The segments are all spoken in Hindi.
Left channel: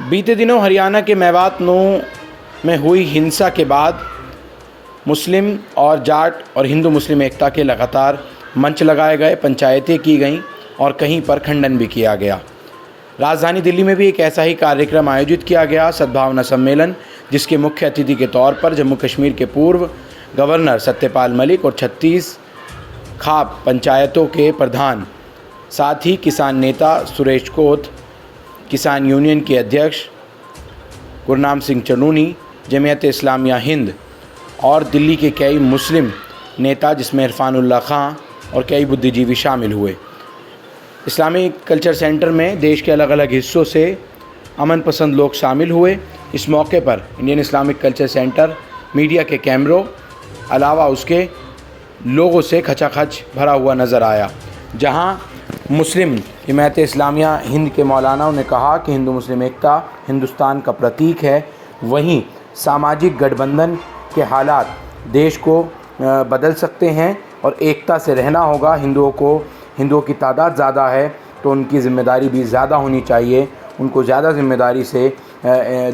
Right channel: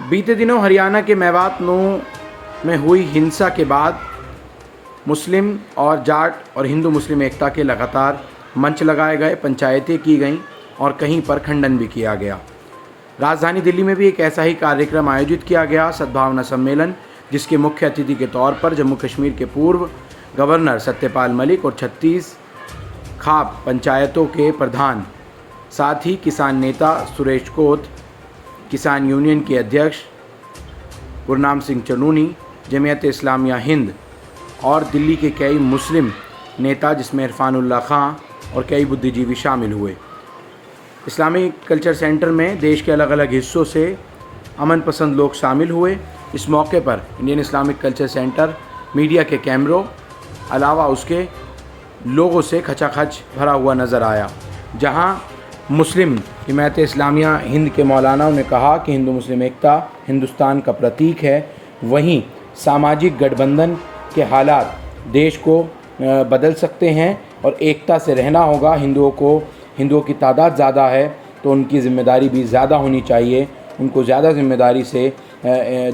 बीते दिनों हरियाणा के मेवात में हुई हिंसा के बाद मुस्लिम और जाट और हिंदू मुस्लिम एकता के लगातार मंच लगाए गए, पंचायतें की गईं और कहीं पर खंडन भी किया गया। राजधानी दिल्ली में भी एक ऐसा ही कार्यक्रम आयोजित किया गया, सद्भावना सम्मेलन, जिसके मुख्य अतिथि के तौर पर जम्मू कश्मीर के पूर्व गवर्नर सत्यपाल मलिक और 36 खाप पंचायतों के प्रधान, साथ ही किसान नेता सुरेश कोत, किसान यूनियन के अध्यक्ष गुरनाम सिंह चनूनी, जमीयत इस्लामिया हिंद और दिल्ली के कई मुस्लिम नेता जिसमें इरफानुल्लाह खां और कई बुद्धिजीवी शामिल हुए। इस्लामिक कल्चर सेंटर में देश के अलग अलग हिस्सों से अमन पसंद लोग शामिल हुए। इस मौके पर Indian Islamic culture centre media के कैमरों अलावा उसके लोगों से खचाखच भरा हुआ नज़र आया, जहां मुस्लिम जमात इस्लामिया हिंद के मौलानाओं ने कहा कि हिंदू मुस्लिम एकता हिंदुस्तान का प्रतीक है। वहीं सामाजिक गठबंधन के हालात देश को बदल सकते हैं और एकता से रहना होगा। हिंदुओं की तादाद ज़्यादा है तो उनकी ज़िम्मेदारी भी ज़्यादा होनी चाहिए। उनको ज़्यादा ज़िम्मेदारी से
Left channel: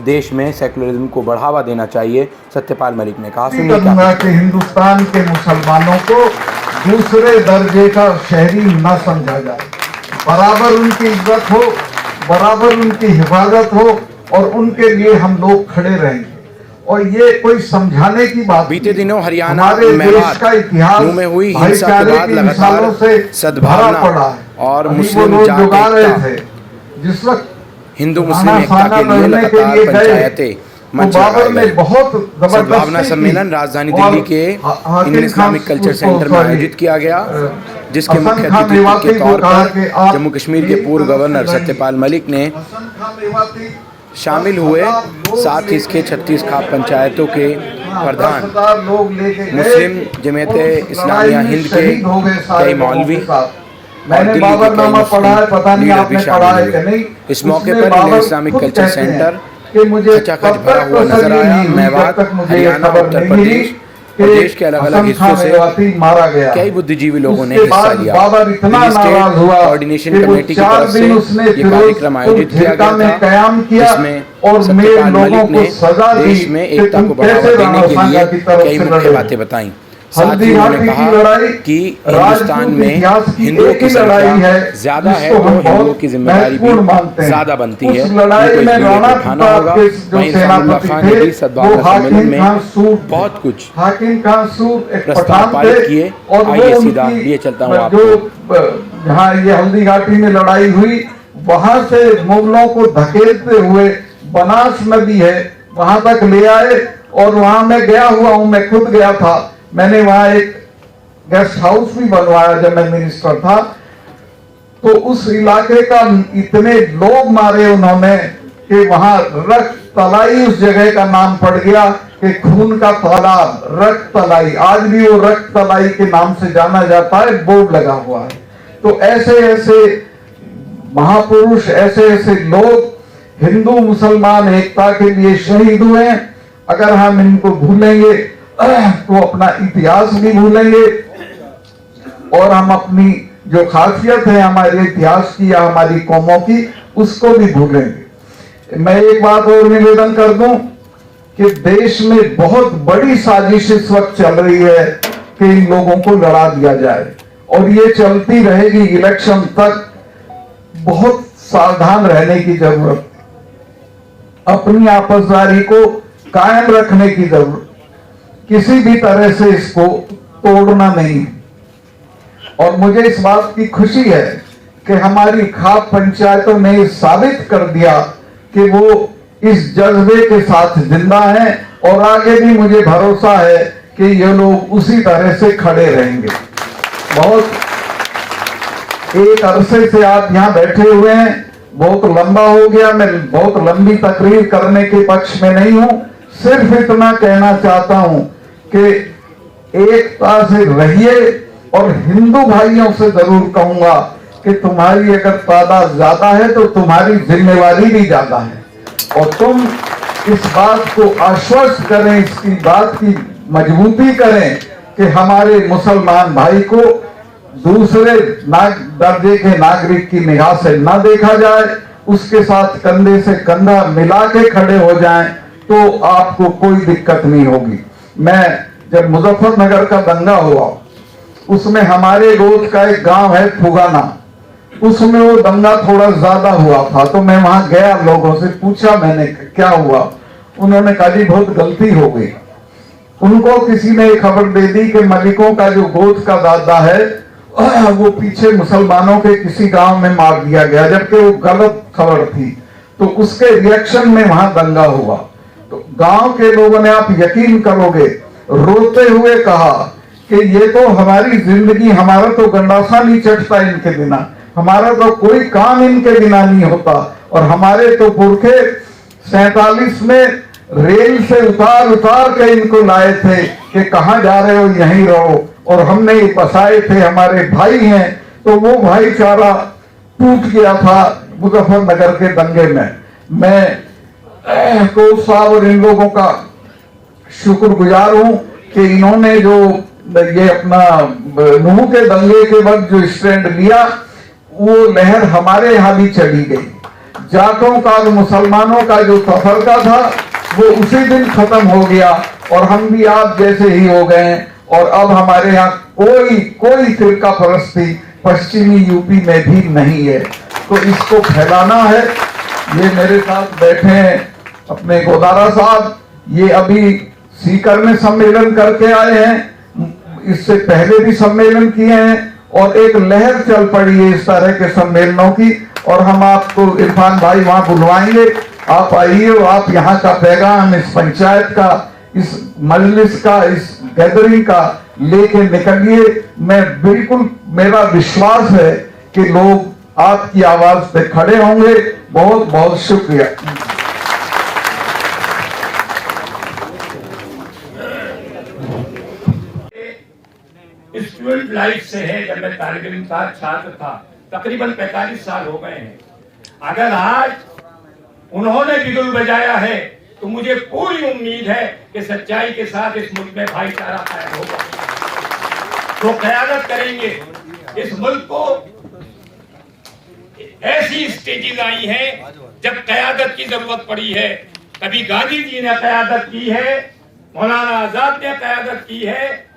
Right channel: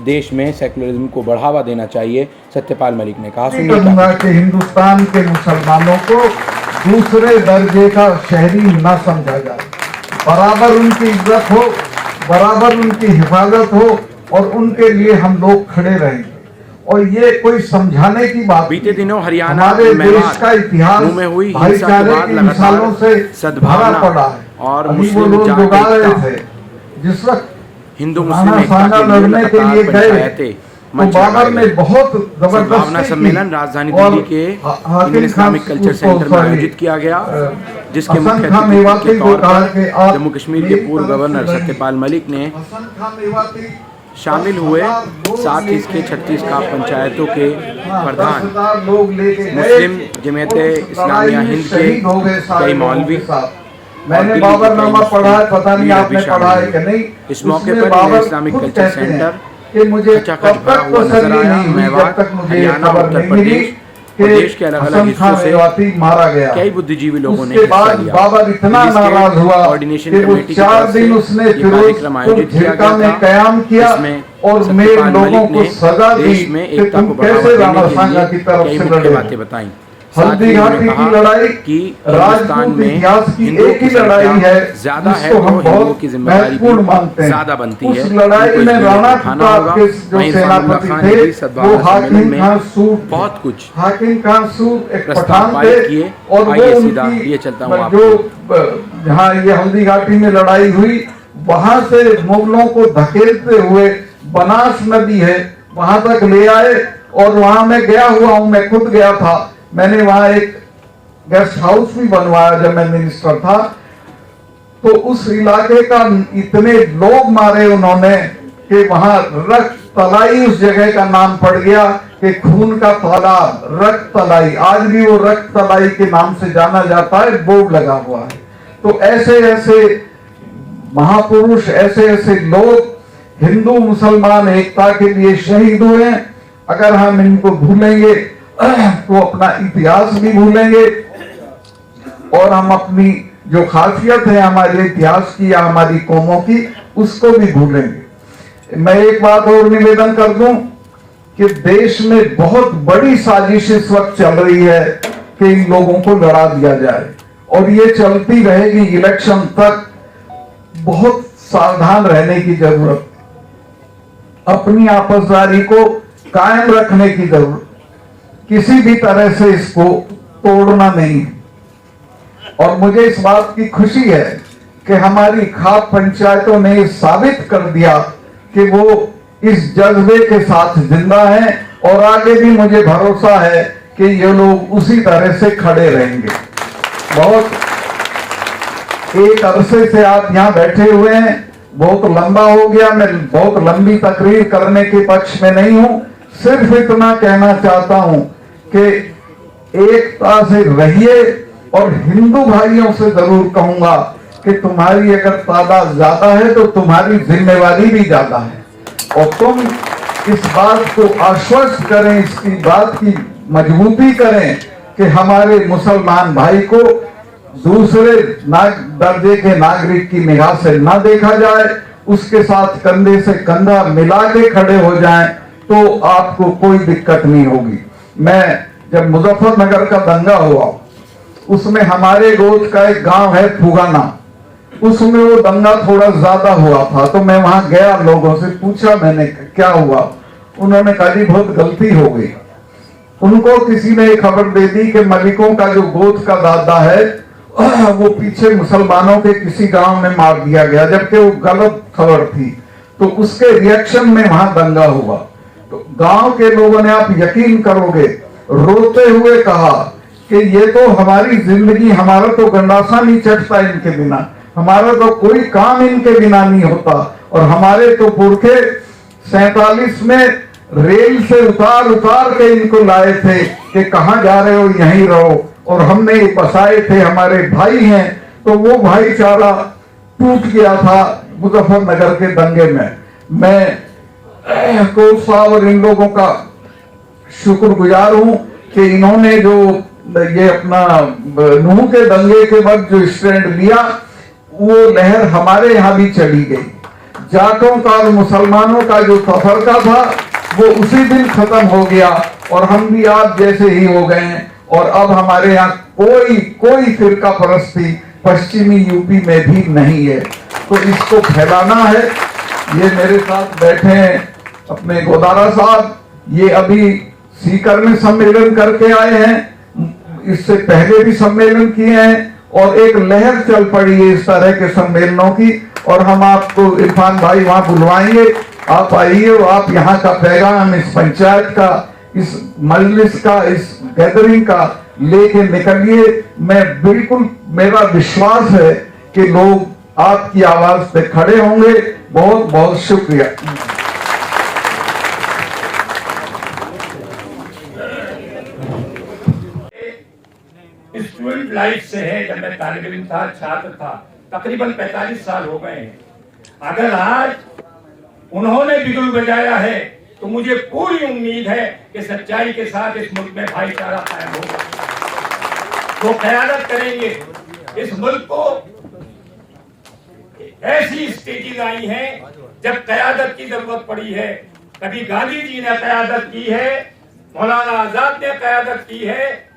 देश में सेकुलरिज्म को बढ़ावा देना चाहिए। सत्यपाल मलिक ने कहा कि हिंदुस्तान के मुसलमानों को दूसरे दर्जे का शहरी न समझा जाए, बराबर उनकी इज्जत हो, बराबर उनकी हिफाजत हो और उनके लिए हम लोग खड़े रहेंगे। और ये कोई समझाने की बात। बीते दिनों हरियाणा में हुई हिंसा के बाद लगातार सद्भावना और मुस्लिम जाट एकता, जिस वक्त हिंदू मुस्लिम एकता के लिए लगातार पंचायतें मंच लगाए गए। सद्भावना सम्मेलन राजधानी दिल्ली के इंडियन इस्लामिक कल्चर सेंटर में आयोजित किया गया, जिसके मुख्य अतिथि के तौर पर जम्मू कश्मीर के पूर्व गवर्नर सत्यपाल मलिक ने शामिल हुए। साथ ही इसके 36 खाप पंचायतों के प्रधान, मुस्लिम जमीयत इस्लामिया हिंद के कई मौलवी और दिल्ली के कई मुस्लिम लीडर भी शामिल हुए। इस मौके पर इंडियन इस्लामिक कल्चर सेंटर खचाखच भरा हुआ नजर आया। मेवात, हरियाणा, उत्तर प्रदेश और देश के अलग अलग हिस्सों से कई बुद्धिजीवी लोगों ने हिस्सा लिया। दिल्ली स्टेट कोऑर्डिनेशन कमेटी की तरफ से ये कार्यक्रम आयोजित किया गया था, जिसमें सत्यपाल मलिक ने देश में एकता को बढ़ावा देने के लिए कई मुख्य बातें बताई। साथ ही उन्होंने कहा कि हिंदुस्तान में हिंदुओं की संख्या ज़्यादा है तो हिंदुओं की जिम्मेदारी भी ज़्यादा बनती है, उनको इस बिल को उठाना होगा। वहीं इरफानुल्लाह खां ने भी सद्भावना सम्मेलन में बहुत कुछ प्रस्ताव पारित किए। आइए सीधा लिए चलता हूँ आपको। जहाँ ये हल्दी घाटी में लड़ाई हुई, वहाँ से मुगलों को धकेलते हुए बनास नदी है वहाँ तक ले आए और वहाँ मैं गया हुआ हूँ, मैं खुद गया था। मैंने वहां एक गेस्ट हाउस भी बनवाया जब मैं मिनिस्टर था। तो उस इलाके का इतने लोग मारे उन्होंने कि वहां रक्त तलाई, उस जगह का नाम पड़ गया कि खून का तालाब, रक्त तलाई। आज भी वो रक्त तलाई के नाम से जाना जाता है, बोर्ड लगा हुआ है। तो ऐसे ऐसे महापुरुष, ऐसे ऐसे लोग हिंदू मुसलमान एकता के लिए शहीद हुए। अगर हम इनको भूलेंगे तो अपना इतिहास भी भूलेंगे और हम अपनी जो खासियत है हमारे इतिहास की या हमारी कौमों की, उसको भी भूलेंगे। मैं एक बात और निवेदन कर दूं कि देश में बहुत बड़ी साजिश इस वक्त चल रही है कि इन लोगों को लड़ा दिया जाए और ये चलती रहेगी इलेक्शन तक। बहुत सावधान रहने की जरूरत, अपनी आपसदारी को कायम रखने की जरूरत, किसी भी तरह से इसको तोड़ना नहीं। और मुझे इस बात की खुशी है कि हमारी खाप पंचायतों ने साबित कर दिया कि वो इस जज्बे के साथ जिंदा हैं और आगे भी मुझे भरोसा है कि ये लोग उसी तरह से खड़े रहेंगे। बहुत एक अरसे से आप यहाँ बैठे हुए हैं, बहुत लंबा हो गया। मैं बहुत लंबी तकरीर करने के पक्ष में नहीं हूं, सिर्फ इतना कहना चाहता हूं कि एकता से रहिए। और हिंदू भाइयों से जरूर कहूंगा कि तुम्हारी अगर तादाद ज्यादा है तो तुम्हारी जिम्मेवारी भी ज्यादा है और तुम इस बात को आश्वस्त करें, इसकी बात की मजबूती करें कि हमारे मुसलमान भाई को दूसरे दर्जे के नागरिक की निगाह से न देखा जाए उसके साथ कंधे से कंधा मिला के खड़े हो जाएं तो आपको कोई दिक्कत नहीं होगी। मैं जब मुजफ्फरनगर का दंगा हुआ, उसमें हमारे गोद का एक गांव है फुगाना, उसमें वो दंगा थोड़ा ज्यादा हुआ था, तो मैं वहां गया, लोगों से पूछा मैंने क्या हुआ। उन्होंने कहा जी बहुत गलती हो गई। उनको किसी ने खबर दे दी कि मलिकों का जो गोद का दादा है वो पीछे मुसलमानों के किसी गांव में मार दिया गया, जबकि वो गलत खबर थी। तो उसके रिएक्शन में वहां दंगा हुआ। तो गांव के लोगों ने, आप यकीन करोगे, रोते हुए कहा कि ये तो हमारी जिंदगी, हमारा तो गंडासा नहीं चटता इनके बिना, हमारा तो कोई काम इनके बिना नहीं होता। और हमारे तो पुरखे 47 में रेल से उतार उतार के इनको लाए थे कि कहां जा रहे हो, यहीं रहो, और हमने बसाए थे, हमारे भाई हैं। तो वो भाईचारा टूट गया था मुजफ्फरनगर के दंगे में। मैं कोच साहब और इन लोगों का शुक्रगुजार हूं कि इन्होंने जो ये अपना नूह के दंगे के वक्त जो स्टैंड लिया, वो लहर हमारे यहां भी चली गई। जाटों का और मुसलमानों का जो तफरका था वो उसी दिन खत्म हो गया और हम भी आप जैसे ही हो गए। और अब हमारे यहाँ कोई फिरका परस्ती पश्चिमी यूपी में भी नहीं है। तो इसको फैलाना है। ये मेरे साथ बैठे हैं अपने गोदारा साहब, ये अभी सीकर में सम्मेलन करके आए हैं, इससे पहले भी सम्मेलन किए हैं, और एक लहर चल पड़ी है इस तरह के सम्मेलनों की। और हम आपको इरफान भाई वहां बुलवाएंगे, आप आइए, आप यहाँ का पैगाम इस पंचायत का, इस मजलिस का, इस गैदरिंग का लेके निकलिए। मैं बिल्कुल, मेरा विश्वास है कि लोग आपकी आवाज पे खड़े होंगे। बहुत बहुत शुक्रिया। स्टूडेंट लाइफ से है, जब मैं तालिब इल्म था, छात्र था, तकरीबन 45 साल हो गए हैं। अगर आज उन्होंने बिगुल बजाया है तो मुझे पूरी उम्मीद है कि सच्चाई के साथ इस मुल्क में भाईचारा कायम होगा। जो क़यादत करेंगे इस मुल्क को, ऐसी स्टेजेस आई हैं जब क़यादत की जरूरत पड़ी है। कभी गांधी जी ने क़यादत की है, मौलाना आजाद ने क़यादत की है,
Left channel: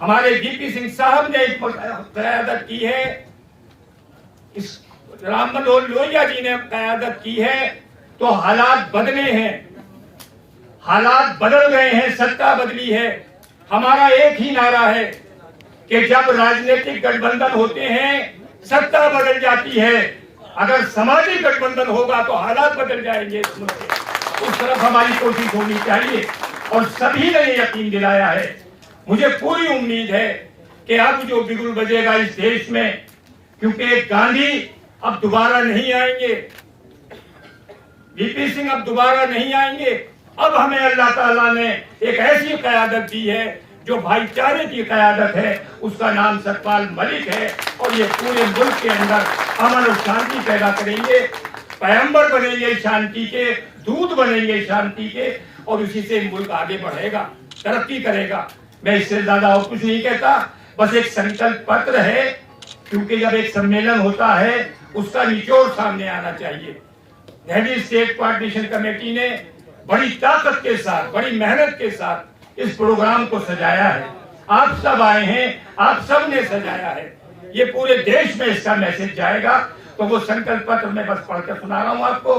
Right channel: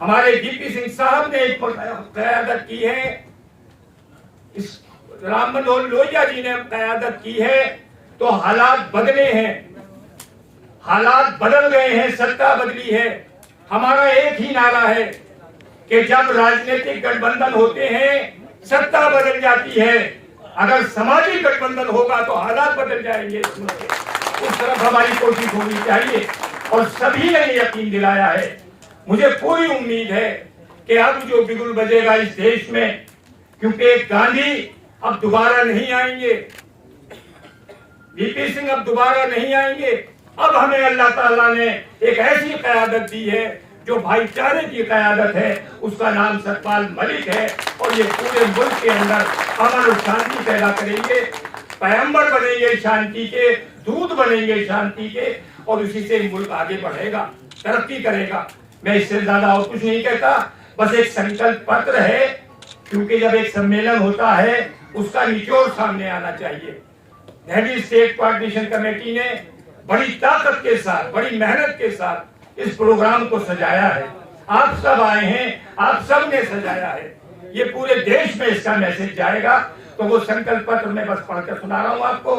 हमारे वीपी सिंह साहब ने क़यादत की है, इस राम मनोहर लोहिया जी ने क़यादत की है। तो हालात बदले हैं, हालात बदल गए हैं, सत्ता बदली है। हमारा एक ही नारा है कि जब राजनीतिक गठबंधन होते हैं सत्ता बदल जाती है, अगर सामाजिक गठबंधन होगा तो हालात बदल जाएंगे इस मुल्क के। उस तरफ हमारी कोशिश होनी चाहिए और सभी ने यकीन दिलाया है। मुझे पूरी उम्मीद है कि अब जो बिगुल बजेगा इस देश में, क्योंकि गांधी अब दोबारा नहीं आएंगे, वीपी सिंह अब दोबारा नहीं आएंगे। अब हमें अल्लाह ताला ने एक ऐसी क़यादत दी है जो भाईचारे की क़यादत है, उसका नाम सतपाल मलिक है। और ये पूरे मुल्क के अंदर अमन और शांति पैदा करेंगे, पैगंबर बनेंगे शांति के, दूत बनेंगे शांति के, और उसी से मुल्क आगे बढ़ेगा, तरक्की करेगा। मैं इससे ज्यादा और कुछ नहीं कहता, बस एक संकल्प पत्र है, क्योंकि जब एक सम्मेलन होता है उसका निचोड़ सामने आना चाहिए। दिल्ली स्टेट कोऑर्डिनेशन कमेटी ने बड़ी ताकत के साथ, बड़ी मेहनत के साथ इस प्रोग्राम को सजाया है। आप सब आए हैं, आप सब ने सजाया है। ये पूरे देश में इसका मैसेज जाएगा। तो वो संकल्प पत्र मैं बस पढ़कर सुना रहा हूँ आपको।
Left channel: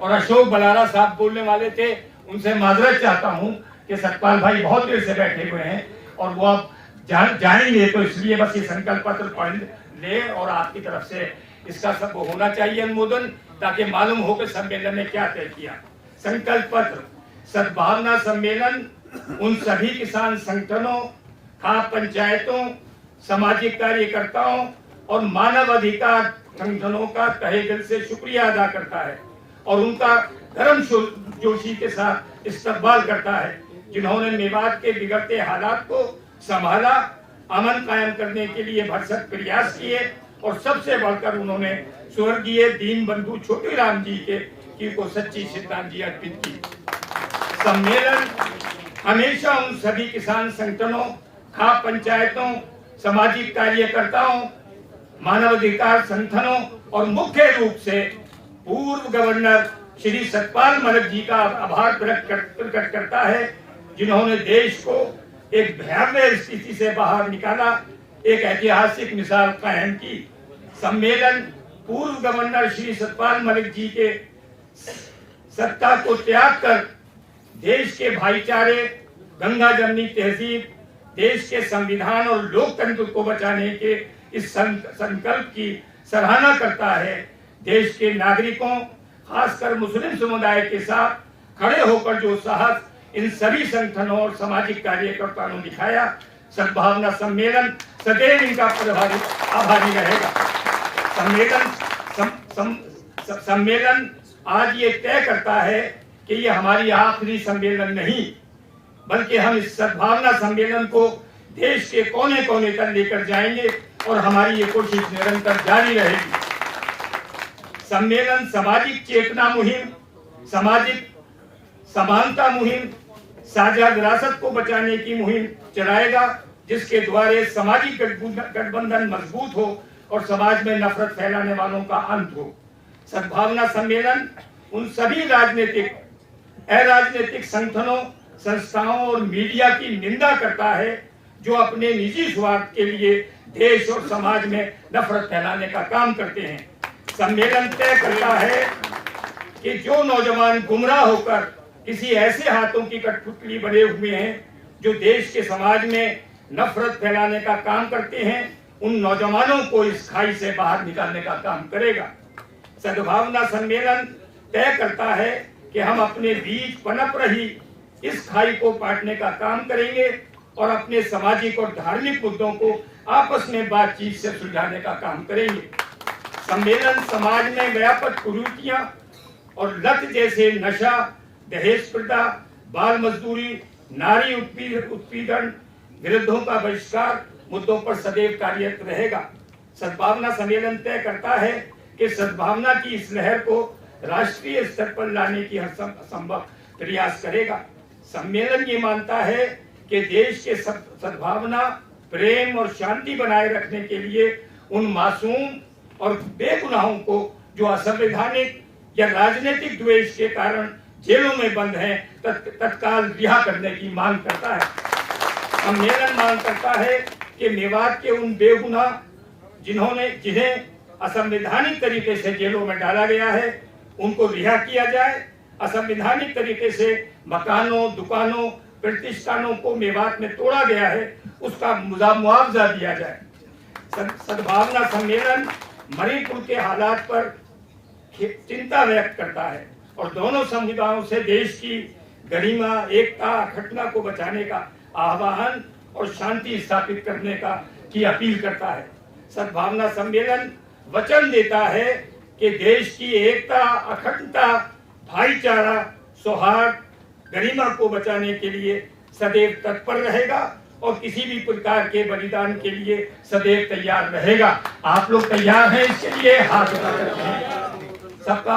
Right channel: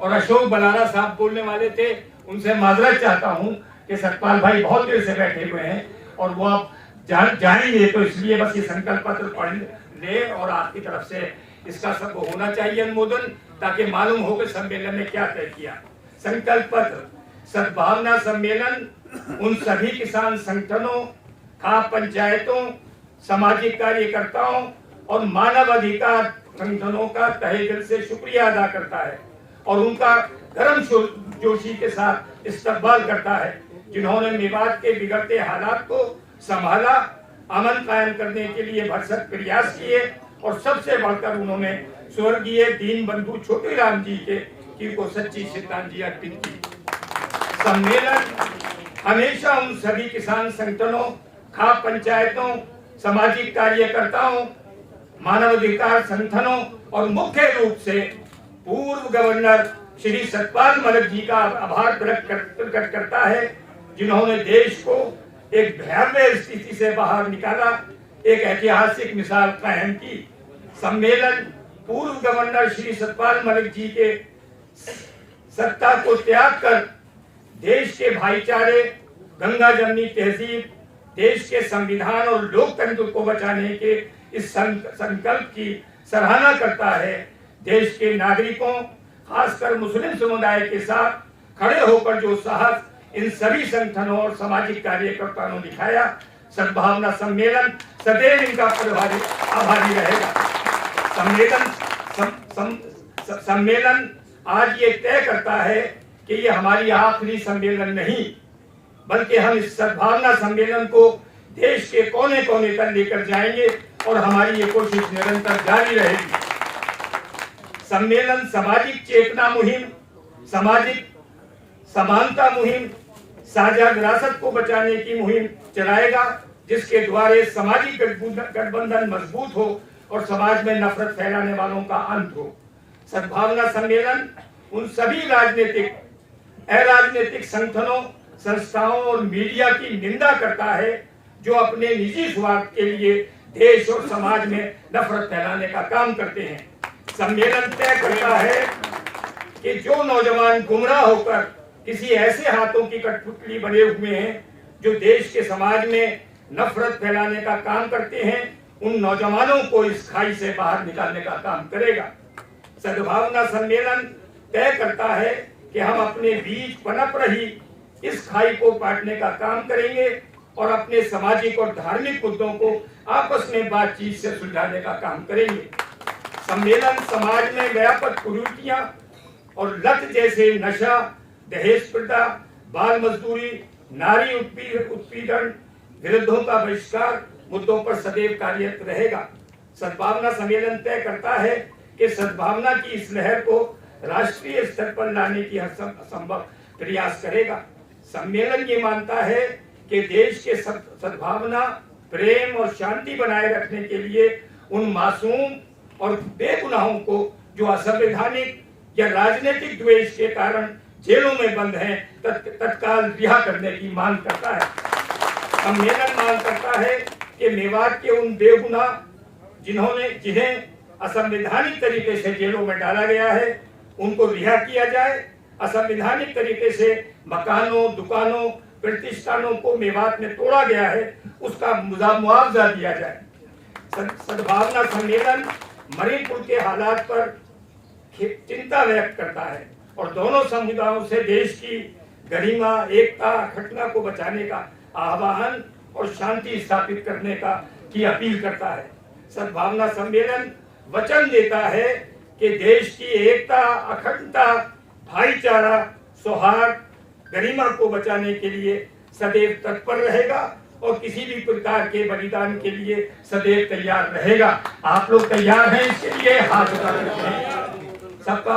और अशोक बलारा साहब बोलने वाले थे, उनसे माजरत चाहता हूँ कि सतपाल भाई बहुत देर से बैठे हुए हैं और वो आप जाएंगे, तो इसलिए बस ये संकल्प पत्र पढ़ ले और आपकी तरफ से इसका सब होना चाहिए अनुमोदन, ताकि मालूम हो कि सम्मेलन ने क्या तय किया। संकल्प पत्र। सद्भावना सम्मेलन उन सभी किसान संगठनों, खाप पंचायतों, सामाजिक कार्यकर्ताओं और मानव अधिकार संगठनों का तहे दिल से शुक्रिया अदा करता है और उनका गर्म जोशी के साथ इस्तकबाल करता है, जिन्होंने मेवात के बिगड़ते हालात को संभाला, अमन कायम करने के लिए भरसक प्रयास किए और सबसे बढ़कर उन्होंने स्वर्गीय दीन बंधु छोटीराम जी की को सच्ची श्रद्धांजलि अर्पित की। सम्मेलन हमेशा उन सभी किसान संगठनों, खाप पंचायतों, सामाजिक कार्यकर्ताओं, मानवाधिकार संगठनों और मुख्य रूप से पूर्व गवर्नर श्री सतपाल मलिक जी का आभार प्रकट करता है, जिन्होंने देश को एक भयावह स्थिति से बाहर निकाला, एक ऐतिहासिक मिसाल कायम की। सम्मेलन पूर्व गवर्नर श्री सतपाल मलिक जी के सत्ता को त्याग कर देश के भाईचारे, गंगा जमनी तहजीब, देश के संविधान और लोकतंत्र को बचाने के इस संकल्प की सराहना करता है। देश के नागरिकों, खासकर मुस्लिम समुदाय के साथ खड़े होकर जो साहस इन सभी संगठनों और सामाजिक कार्यकर्ताओं ने दिखाया, सद्भावना सम्मेलन सदैव इनका आभारी रहेगा। सम्मेलन आज ये तय करता है कि ये हमारी आखिरी सम्मेलन नहीं, बल्कि हम इस सद्भावना सम्मेलन को देश के कोने कोने तक लेकर जाएंगे और हमारी ये कोशिश निरंतर जारी रहेगी। सम्मेलन सामाजिक चेतना मुहिम, सामाजिक समानता मुहिम, साझा विरासत को बचाने की मुहिम चलाएगा, जिसके द्वारा सामाजिक गठबंधन मजबूत हो और समाज में नफरत फैलाने वालों का अंत हो। सद्भावना सम्मेलन उन सभी राजनीतिक, अराजनीतिक संगठनों, संस्थाओं और मीडिया की निंदा करता है जो अपने निजी स्वार्थ के लिए देश और समाज में नफरत फैलाने का काम करते हैं। सम्मेलन तय करता है कि जो नौजवान गुमराह होकर किसी ऐसे हाथों की कठपुतली बने हुए हैं जो देश के समाज में नफरत फैलाने का काम करते हैं, उन नौजवानों को इस खाई से बाहर निकालने का काम करेगा। सद्भावना सम्मेलन तय करता है कि हम अपने बीच पनप रही इस खाई को पाटने का काम करेंगे और अपने सामाजिक और धार्मिक मुद्दों को आपस में बातचीत से सुलझाने का काम करेंगे। सम्मेलन समाज में व्यापक कुरीतियां और लत जैसे नशा, दहेज प्रथा, बाल मजदूरी, नारी उत्पीड़न विरुद्धों का बहिष्कार मुद्दों पर सदैव कार्यरत रहेगा। सद्भावना सम्मेलन तय करता है कि सद्भावना की इस लहर को राष्ट्रीय स्तर पर लाने की हर संभव प्रयास करेगा। सम्मेलन ये मानता है कि देश के सद्भावना, प्रेम और शांति बनाए रखने के लिए उन मासूम और बेगुनाहों को जो असंवैधानिक या राजनीतिक द्वेष के कारण जेलों में बंद हैं, तत्काल रिहा करने की मांग करता है। सम्मेलन मांग करता है कि मेवात के उन बेगुनाह जिन्हें असंवैधानिक तरीके से जेलों में डाला गया है, उनको रिहा किया जाए। असंवैधानिक तरीके से मकानों, दुकानों, प्रतिष्ठानों को मेवात में तोड़ा गया है, उसका मुआवजा दिया जाए। सद्भावना सम्मेलन मणिपुर के हालात पर चिंता व्यक्त करता है और दोनों समुदायों से देश की गरिमा, एकता, अखंडता को बचाने का आह्वान और शांति स्थापित करने की अपील करता है। सद्भावना सम्मेलन वचन देता है कि देश की एकता, अखंडता, भाईचारा, सौहार्द, गरिमा को बचाने के लिए सदैव तत्पर रहेगा और किसी भी प्रकार के बलिदान के लिए सदैव तैयार रहेगा। आप लोग तैयार हैं इसके लिए? हाथ उठा सकते हैं सबका।